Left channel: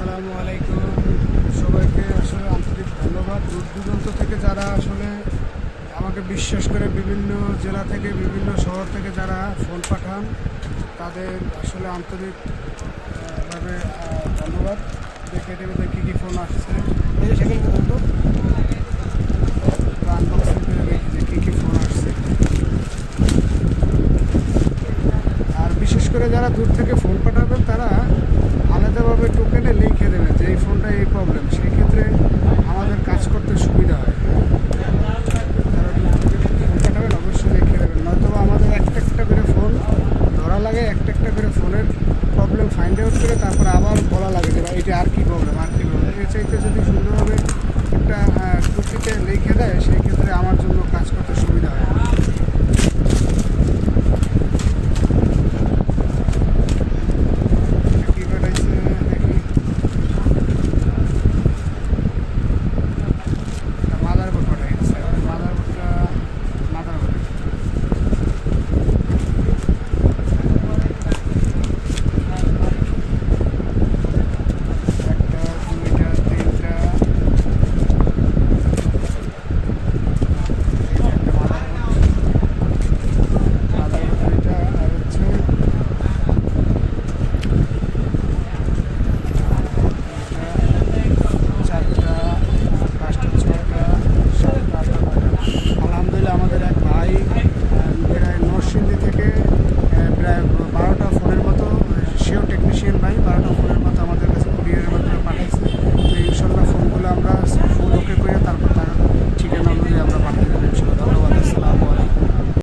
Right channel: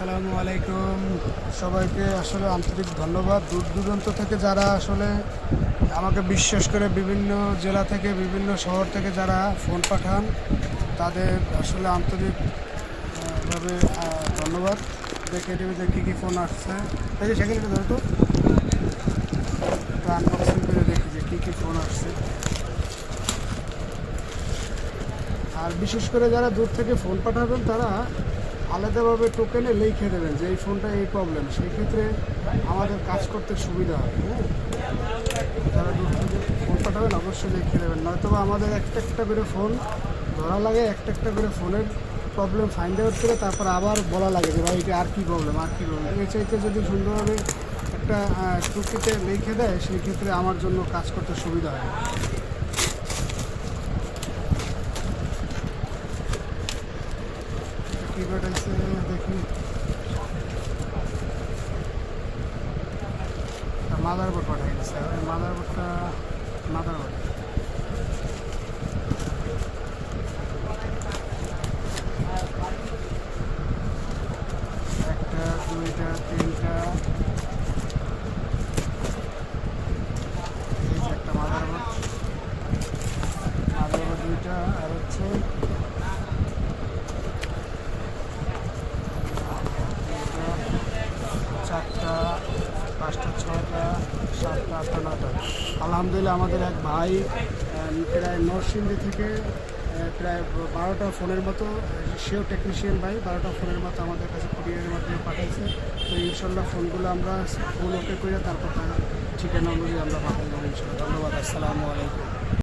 আসসালামু আলাইকুম সবাইকে। আসলে আন্তরিক ধন্যবাদ। দূর দূরান্ত থেকে যারা আসলে আমাকে বিশ্বাস করে বিভিন্ন জেলা থেকে বিভিন্ন শহর থেকে যারা ফোন পাঠান, তাদের আসলে আন্তরিকভাবে ধন্যবাদ। দেখে টিভিতে কী কী ফোন আসছে, এই যে সেখানে ধরো তো আনবক্সিং করে দেখি যে কী কী ফোন আসছে। আর বিশেষ করে যারা দূর থেকে ফোন পাঠাবেন তারা আলাদাভাবে টোকেনে লিখে দেবেন যে এই ফোনটা এই প্রবলেম, সেই ক্ষেত্রে আমাদের কাজ করতে সুবিধা হয়। যারা দূর থেকে ফোন পাঠাবেন অবশ্যই লিখে দেবেন, নয়তো আমাদের একটা করে ফোন ধরা লাগে, একটা করে ফোনের প্রবলেম ফাইন্ড আউট করে তারপর আবার বলা লাগে যে ভাই এটা আর কী প্রবলেম। এর চাইতে যদি সুন্দরভাবে একটা টুকিতে লিখে দেয়, সেই ক্ষেত্রে আমার জন্য কাজ করতে সুবিধা হয়। মাদারবোর্ড পাঠাই দিচ্ছে, মাদারবোর্ড একটা দুইটা তিনটা, এই যে একটা মাদারবোর্ড দুইটা, আর হচ্ছে চারটা, পাঁচটা, ছয়টা, সাতটা, আটটা, নয়টা। আলহামদুলিল্লাহ আমাদের এক ভাই প্রায় নরসিংদী থেকে প্রায় 12টা ফোনের মতো, সেও টেকনিশিয়ান ভাই, 12টা ফোনের মতো আমাদের কাছে কুরিয়ারের মাধ্যমে পাঠাইছে। তো ইনশাল্লাহ ফোনগুলো আমরা ফোন ওকে করে তারপর তার ঠিকানা অনুযায়ী আমরা পাঠিয়ে দেবো ইনশাল্লাহ। ধন্যবাদ। আসসালামু আলাইকুম।